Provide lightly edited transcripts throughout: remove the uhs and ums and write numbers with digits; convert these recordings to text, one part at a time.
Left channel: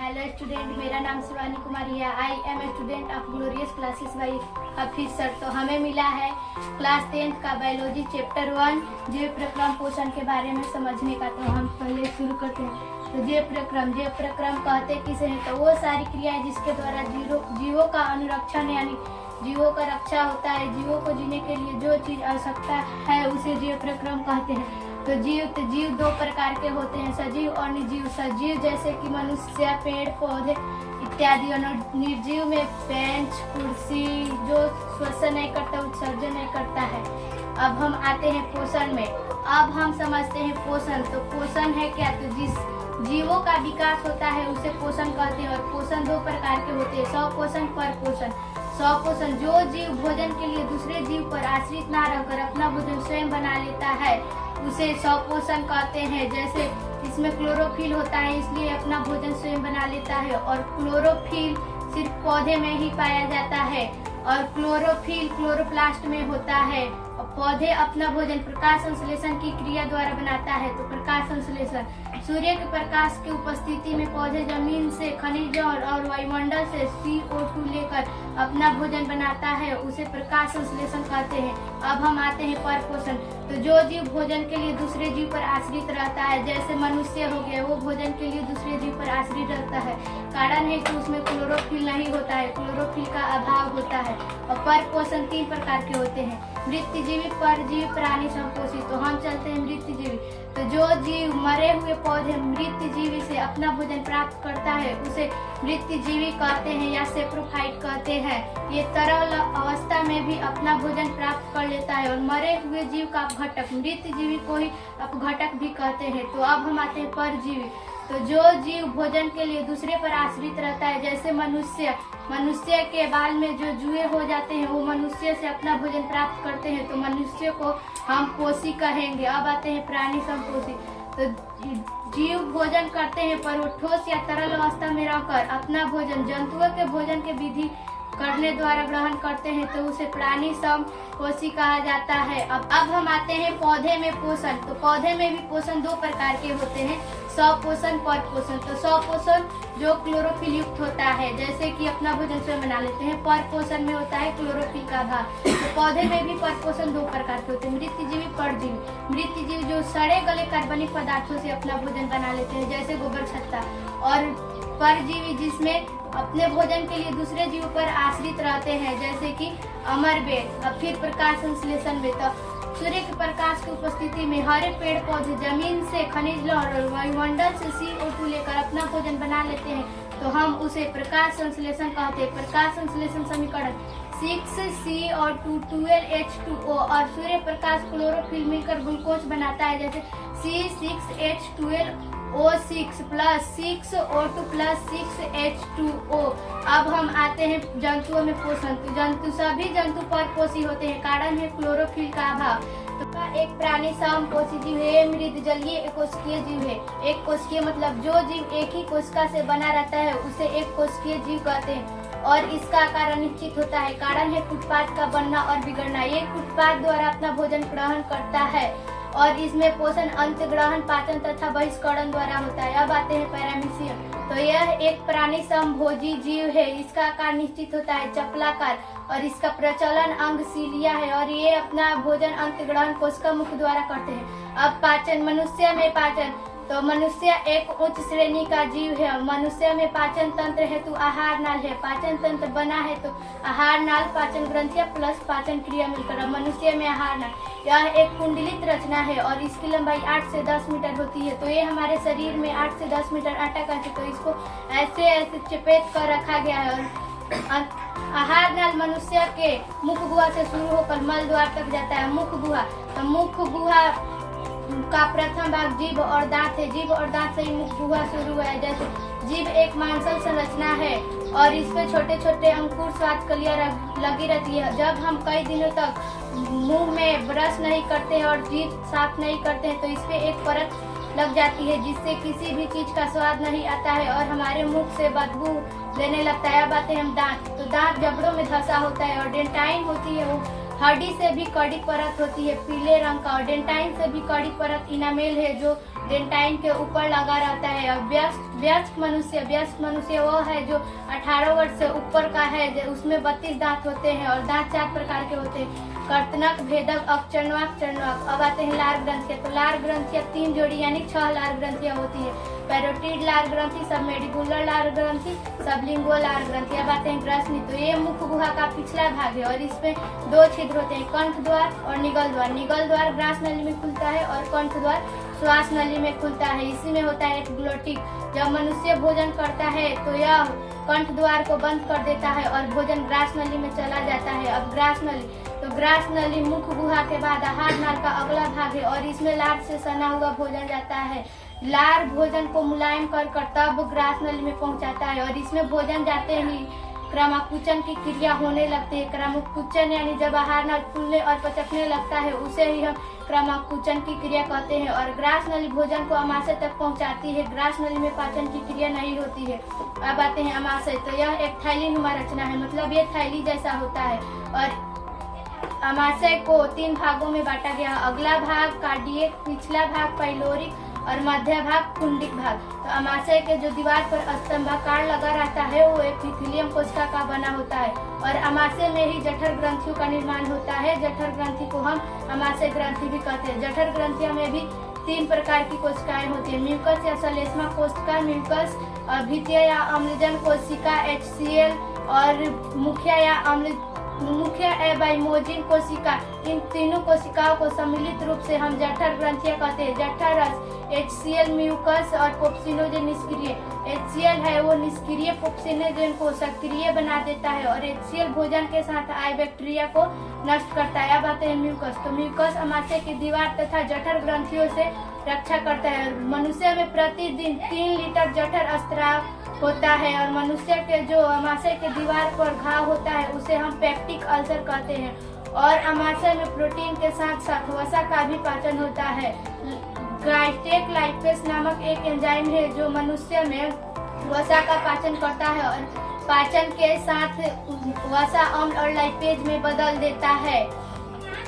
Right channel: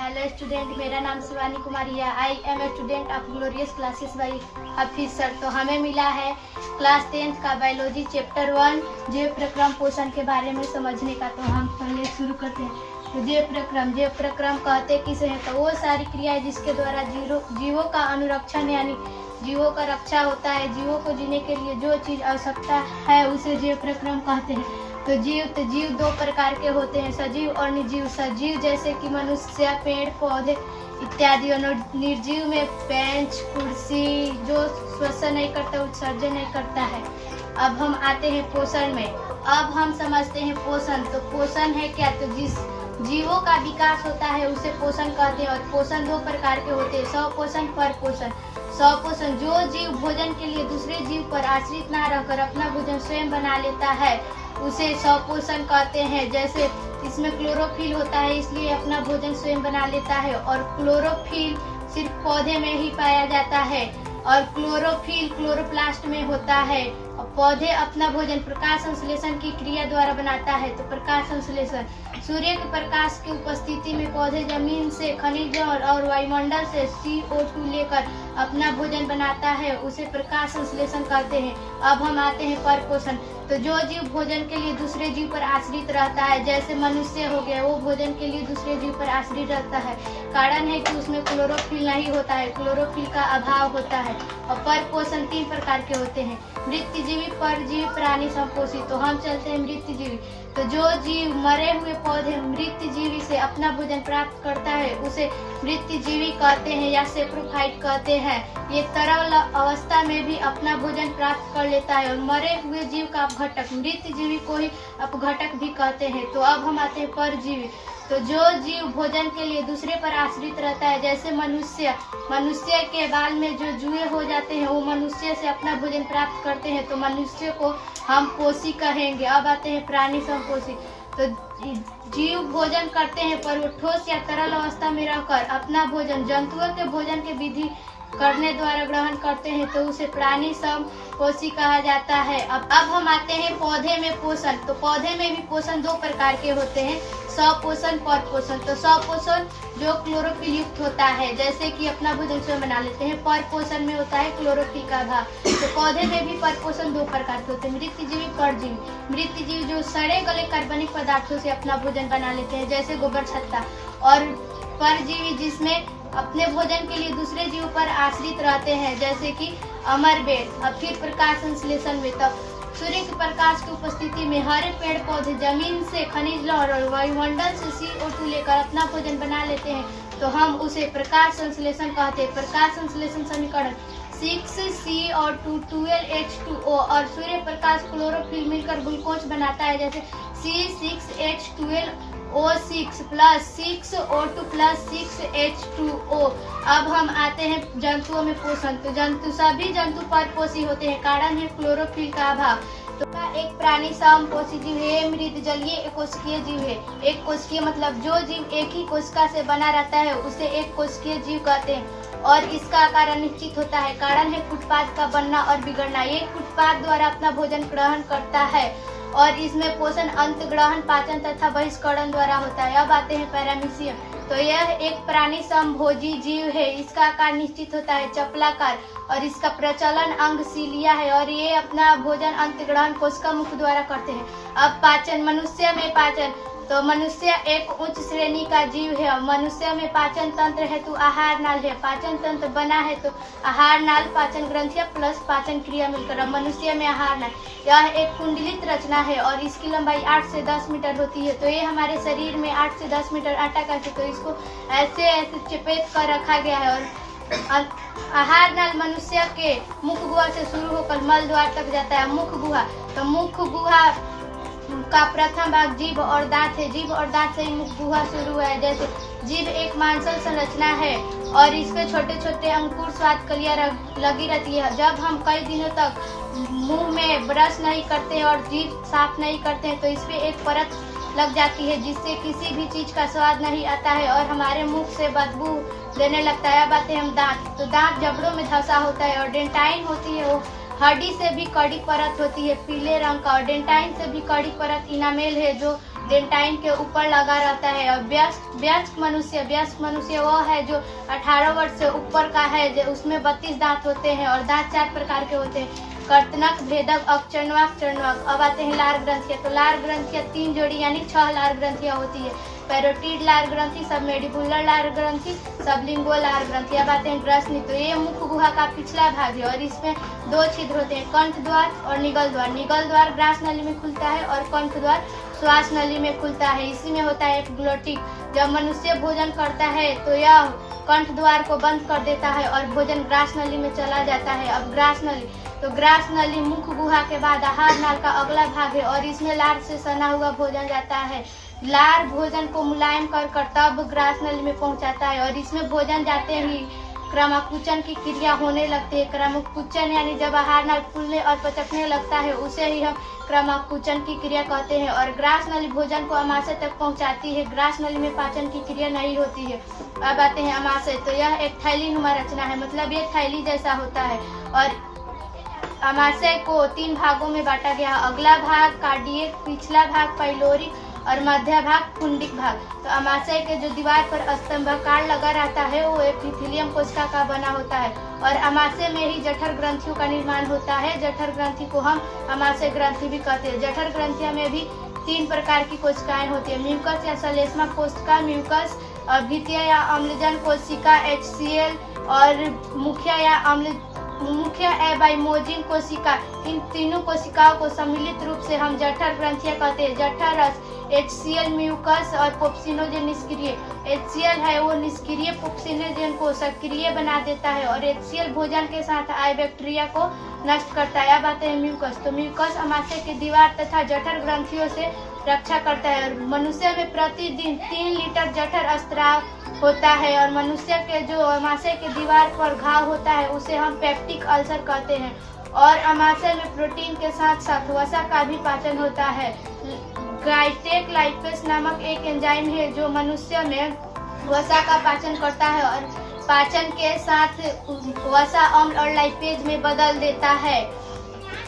Hello student, मेरा नाम शिवानी कुमारी है। I am a student of Glorious Classes by Hafeez sir. तो हमें मिला है क्लास 10th का बायोलॉजी चैप्टर 1 जीव प्रक्रम पोषण के बारे में समझने का। तो हम पहले शुरू करते हैं। तो जीव प्रक्रम कहते किसे हैं? तो वो सारी क्रियाएं जिसके द्वारा जीवों का अनुरक्षण यानी जीवों का रक्षा होता है। जीवों को जीने के लिए जो चीज आवश्यकता है उसे जीव प्रक्रम कहते हैं। तो जीव दो प्रकार के होते हैं, सजीव और निर्जीव। सजीव जैसे कि मनुष्य, पेड़ पौधे इत्यादि। और निर्जीव में बेंच, कुर्सी जो श्वसन नहीं करता, उत्सर्जन नहीं करता है। अब हम आते हैं पोषण में। अब हम समझते हैं पोषण। तो पोषण है क्या? तो जिस जीवों का विकास होता है उसे पोषण कहते हैं। और पोषण दो प्रकार के होते हैं, स्वपोषण, परपोषण। स्वपोषण जो जीव भोजन के लिए दूसरे जीव पर आश्रित ना रहकर अपना भोजन स्वयं बना लेता है उसे स्वपोषण कहते हैं। जैसे इसमें क्लोरोफिल होता है, इसलिए अपना भोजन स्वयं बना लेता है। और क्लोरोफिल सिर्फ पौधे में ही पाया जाता है और क्लोरोफिल क्लोरोप्लास्ट में होता है। और पौधे अपना भोजन प्रकाश संश्लेषण की क्रिया द्वारा बनाता है। तो प्रकाश संश्लेषण, सूर्य के प्रकाश की उपस्थिति में पौधे जमीन से खनिजों और वायुमंडल से CO2 लेकर अपना भोजन बनाता है, उसे प्रकाश संश्लेषण कहते हैं। अब हम आते हैं परपोषण। तो जो जीव भोजन के लिए दूसरे जीव पर आश्रित रहता है, जैसे मनुष्य हो गया, वो भोजन के लिए दूसरे जीव पर आश्रित रहता है। कारण है कि उसमें क्लोरोफिल नहीं होता है, क्लोरोफिल का अभाव होता है। और परपोषण 3 प्रकार के होते हैं, मृतजीवी, परजीवी, प्राणी संपोषी। तो हम चलते हैं मृतजीवी। तो जो जीव मरे हुए पौधे मृतजीवी से अपना भोजन प्राप्त करता है उसे मृतजीवी कहते हैं या सेप्रोफाइट कहते हैं। ये तरल अवस्था में भी अपना भोजन प्राप्त कर लेता है। और मरे हुए जीव का अपघटक, मृतजीवी को ही अपघटक भी कहते हैं। तो अब हम आते हैं परजीवी। तो जो जीव भोजन के लिए दूसरे पर आश्रित रहता है, जैसे मनुष्य के बाल में जो जुए हो जाते हैं वो मनुष्य से अपना भोजन प्राप्त करते हैं, तो मनुष्य को हम पोषी कहेंगे। अब आते हैं प्राणी संपोषी। तो जीव भोजन करते हैं पर वो ठोस या तरल अवस्था में रहकर अपना भोजन जंतुओं के भोजन के विधि करने द्वारा ग्रहण करते हैं, तो उसे प्राणी समपोषी कहा जाता है। अब हम आते हैं पौधे में पोषण। तो पौधे में भी पोषण 2 प्रकार के होते हैं, स्वपोषण, परपोषण। तो स्वपोषण जो क्लोरोफिल युक्त होता है, जैसे कि अपना भोजन स्वयं बना लेते हैं। परपोषण में होता है क्लोरोफिल का अभाव। तो पौधे में भी परपोषण 2 प्रकार के होते हैं, मृतजीवी, परजीवी। मृतजीवी जो सड़े गले कार्बनिक पदार्थों से अपना भोजन बना लेते हैं, जैसे गोबर, छत्ता। और परजीवी जिसमें अपने भोजन के लिए दूसरे जीव पर आश्रित रहते हैं, जैसे कि अमरबेट। अब फिर प्रकाश संश्लेषण में, तब सूर्य के प्रकाश की उपस्थिति में हरे पेड़ पौधे जमीन से खनिज और वायुमंडल से CO2 लेकर अपना भोजन बना लेते हैं, तो हम उसे प्रकाश संश्लेषण कहते हैं। प्रकाश संश्लेषण समीकरण 6C और 12H2O और सूर्य प्रकाश क्लोरोफिल मिलकर ग्लूकोज बनाता है, जैसे C6H12O6 plus 6O2 plus 6H2O। अब हम आते हैं जंतुओं में पोषण। तो सभी जंतु परपोषी होते हैं, कारण है क्लोरोफिल का अभाव। तो एक प्राणी समपोषी जीव है, मृदजलीय एकोष्कीय जीव है। एक कोशिकीय मतलब जो जीव एक ही कोशिका से बना रहता है उसे एक कोशिकीय जीव कहते हैं। और इसका आकार अनिश्चित होता है, कारण है फुटपाथ का बनना और बिगड़ना। ये फुटपाथ द्वारा अपना भोजन ग्रहण करता है और इसमें पोषण अंतग्रहण, पाचन तथा बहिष्करण द्वारा होता है। अब आते हैं पैरामीशियम। तो यह एक प्राणी समभोजी जीव है, इसका आकार निश्चित होता है, चपलाकार। और इसका प्रचलन अंग सीलिया है और ये अपना भोजन अंतग्रहण कोशिका मुख द्वारा करते हैं। अब पाचन, मनुष्य में पाचन। तो मनुष्य एक उच्च श्रेणी का जीव है। मनुष्य में पाचन तंत्र है तो आहार नाल है, पाचन तंत्र बना है तो आहार नाल, पाचन ग्रंथियां प्लस पाचन क्रिया मिलकर मनुष्य में आहार नाल। यह एक कुंडलित रचना है और इसकी लंबाई 8 से 10 मीटर होती है। तो ये हमारे शरीर में 8 से 10 मीटर आटा का है, तो इसको ऐसे चपेट कर रखा गया है। और आहार नाल मनुष्य के मुख गुहा से शुरू होकर मल द्वार तक जाता है। मुख गुहा, तो मुख गुहा का प्रथम भाग जीभ और दांत है। जीभ और दांत से ही मुख गुहा शुरू हुआ है। जैसे जीभ एक मांसल संरचना है और इसमें छोटे छोटे अंकुर स्वाद कलियां लगी रहती है। जब हम कई दिनों तक मुंह में ब्रश नहीं करते और जीभ साफ नहीं करते हैं तो इस पे एक परत लग जाती है, जिससे किसी भी चीज का स्वाद नहीं आता है और हमारे मुख से बदबू देने लगता है। अब आते हैं हम दांत। तो दांत जबड़ों में धंसा होता है और डेंटाइन होती है, वो हड्डी से भी कड़ी परत होती है पीले रंग का। और डेंटाइन से भी कड़ी परत इनामेल है जो डेंटाइन के ऊपर लगा रहता है। और वयस्क मनुष्य वो है जो 18 वर्ष से ऊपर का है, उसमें 32 दांत होते हैं और दांत 4 प्रकार के होते हैं, कर्तनक, भेदक, अकचंडवाक, चंडवाक। अब आते हैं लार ग्रंथियां। तो लार ग्रंथियां 3 जोड़ी यानी 6 लार ग्रंथियां होती है। पैरोटिड लार ग्रंथि, सबमेडिबुलर लार ग्रंथि, सबलिंगुअल लार ग्रंथि। अब आते हैं ग्रसनी। तो ये मुख गुहा का पिछला भाग है और इसमें 2 छिद्र होते हैं, कंठ द्वार और निगल द्वार। निगल द्वार ग्रास नली में खुलता है और कंठ द्वार श्वास नली में खुलता है। इसी में होता है एक ग्लोटिक। जब मनुष्य भोजन करता है तो यह कंठ द्वार को बंद कर देता है और भोजन ग्रास नली में चला जाता है। अब ग्रास नली, तो ग्रास नली मुख गुहा के बाद आहार नाल का अगला भाग है और इसमें लार से सना हुआ भोजन जाता है। लार भोजन को मुलायम कर तब ग्रास नली में पहुंचाता है और इसमें भोजन जाते ही क्रमाकुचन की क्रिया होने लगती है। क्रमाकुचन यानी जब आहार नाल फूलने और पचकने लगता है उसे ही हम क्रमाकुचन की क्रिया कहते हैं। और ग्रास नली भोजन को अमाशय तक पहुंचाती है। ग्रास नली में पाचन की क्रिया नहीं होती है। अब आते हैं अमाशय। तो यह एक थैली नुमा रचना है, मतलब ये थैली जैसा होता है। और अमाशय को 3 भागों में बांटा गया है, अगला भाग कार्डियक, पिछला भाग पाइलोरिक और मध्य भाग पुंडिक भाग। तो अमाशय के जो दीवार पर स्तंभाकार लगा रहता है वो एपिथेलियम कोशिका का बना होता है और अमाशय में ही जठर ग्रंथियों का निर्माण होता है। जठर ग्रंथि को हम अमाशय ग्रंथि भी कहते हैं। जठर ग्रंथियों में भी 3 प्रकार की कोशिकाएं होती है, म्यूकस या सलेस्मा कोशिका, म्यूकस और भित्तीय या अम्लजन कोशिका HCl और मुख्य एबाइमोजिन कोशिका। इन तीनों कोशिकाओं को सम्मिलित रूप से हम जठर ग्रंथियां कहते हैं। जठर रस HCl म्यूकस और पोप्सिनोजेन निष्क्रिय। HCl है वो निष्क्रिय पोप्सिनोजेन को सक्रिय बना देता है और HCl भोजन के साथ आए बैक्टीरिया को नष्ट करता है। अब आते हैं म्यूकस। तो म्यूकस अमाशय की दीवार तथा जठर ग्रंथियों से रक्षा करता है और मनुष्य में प्रतिदिन 3 लीटर जठर स्राव होता है। और मनुष्य के जो अमाशय के दीवार पर घाव होता है उसे हम पेप्टिक अल्सर कहते हैं। और अमाशय में प्रोटीन के साथ साथ वसा का भी पाचन होता है। गाइटेक लाइपेस नामक एक एंजाइम है जो मनुष्य में वसा का पाचन करता है और पाचन के साथ वसा अम्ल और लाइपेज में बदल देता है।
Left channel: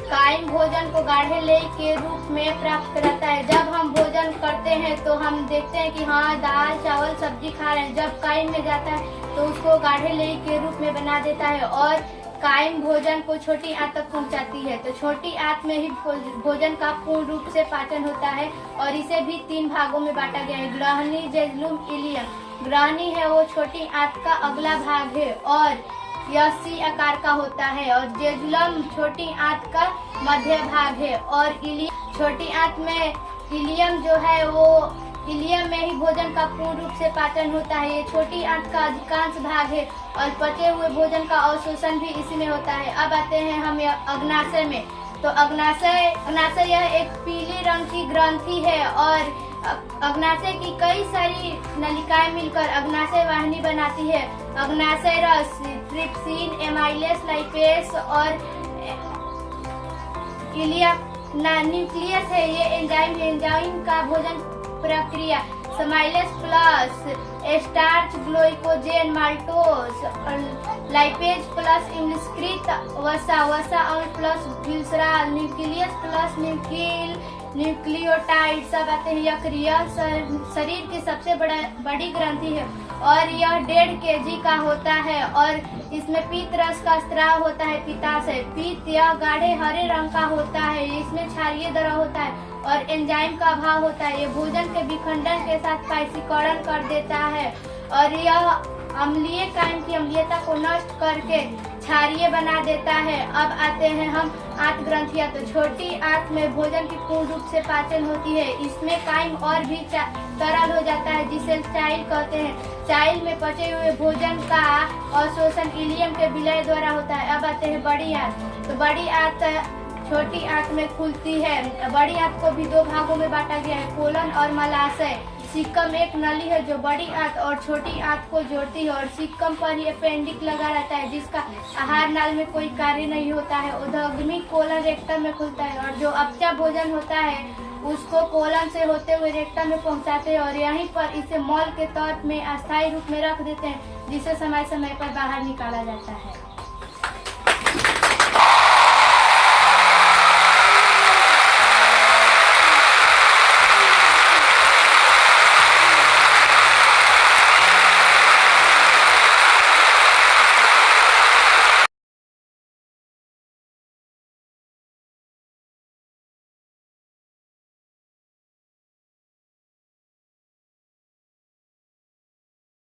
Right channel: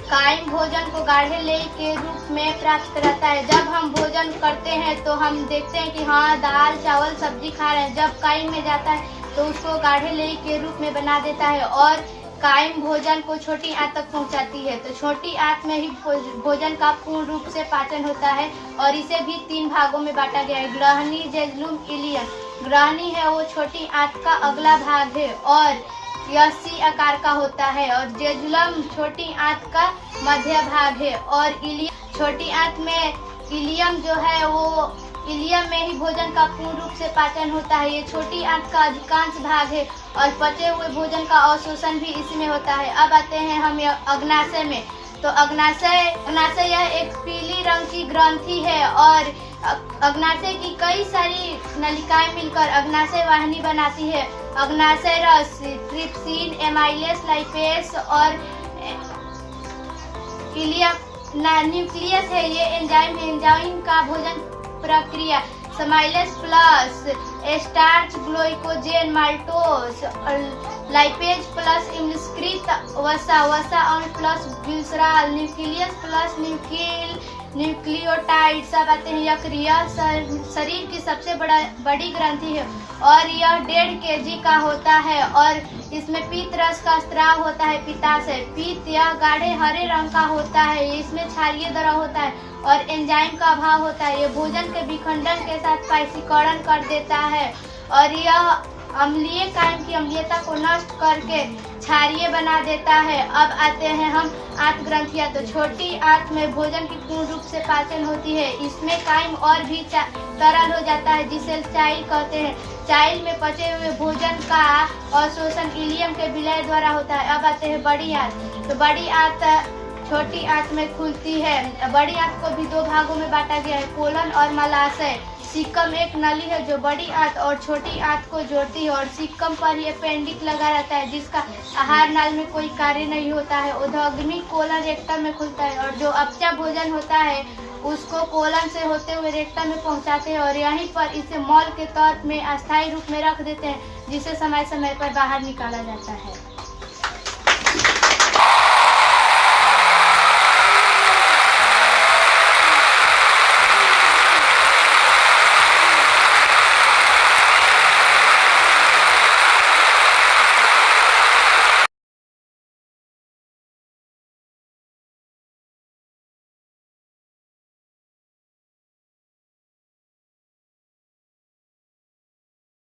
कायम भोजन को गाढ़े लेई के रूप में प्राप्त कराता है। जब हम भोजन करते हैं तो हम देखते हैं कि हाँ दाल चावल सब्जी खा रहे हैं। जब कायम में जाता है तो उसको गाढ़े लेई के रूप में बना देता है और कायम भोजन को छोटी आंत तक पहुंचाती है। तो छोटी आंत में ही भोजन का पूर्ण रूप से पाचन होता है और इसे भी 3 भागों में बांटा गया है, ग्रहणी, जेजुलम, इलियम। ग्रहणी है वो छोटी आंत का अगला भाग है और यह सी आकार का होता है और जेजुलम छोटी आंत का मध्य भाग है और इलियम छोटी आंत में, इलियम जो है वो इलियम में ही भोजन का पूर्ण रूप से पाचन होता है। ये छोटी आंत का अधिकांश भाग है और पचे हुए भोजन का अवशोषण भी इसी में होता है। अब आते हैं हम अग्नाशय में। तो अग्नाशय यह एक पीली रंग की ग्रंथि है और अग्नाशय की कई सारी नलिकाएं मिलकर अग्नाशय वाहिनी बनाती है। अग्नाशय रस ट्रिप्सिन, एमाइलेस, लाइपेस और न्यूक्लियस है। ये एंजाइम का भोजन प्रक्रिया समाइलेस प्लस स्टार्च, ग्लाइकोजेन, माल्टोज और लाइपेज प्लस इम्लस्कृत वसा अम्ल plus glycerol, nucleus plus nucleotide. सब आते हैं। यकृत शरीर की सबसे बड़ी ग्रंथि है और यह 1.5 kg का होता है और इसमें पीत रस का स्राव होता है पित्ताशय। पीत यह गाढ़े हरे रंग का होता है, इसमें क्षारीय द्रव होता है और एंजाइम का अभाव होता है। ये भोजन के विखंडन के साथ पाइसीकरण कर देता है और यह अम्लीय कायम की अम्लीयता को नष्ट करके क्षारीय बना देता है। अब आते हैं हम आंत ग्रंथियां। तो छोटी आंत में भोजन की पूर्ण रूप से पाचन होती है। इसमें कायम और भी तरल हो जाता है जिसे चाइल कहते हैं। चाइल में पचे हुए भोजन का अवशोषण इलियम के विलय द्वारा होता है। अब आते हैं बड़ी आंत। तो बड़ी आंत छोटी आंत में खुलती है। बड़ी आंत को भी 2 भागों में बांटा गया है, कोलन और मलाशय। सिक्कम एक नली है जो बड़ी आंत और छोटी आंत को जोड़ती है और सिक्कम पर ही अपेंडिक लगा रहता है जिसका आहार नाल में कोई कार्य नहीं होता है। उद्गमी कोलन रेक्टम में खुलता है और जो अपचा भोजन होता है उसको कोलन से होते हुए रेक्टम में पहुंचाते हैं और यहीं पर इसे मॉल के तौर में अस्थायी रूप में रख देते हैं जिसे समय समय पर बाहर निकाला जाता है।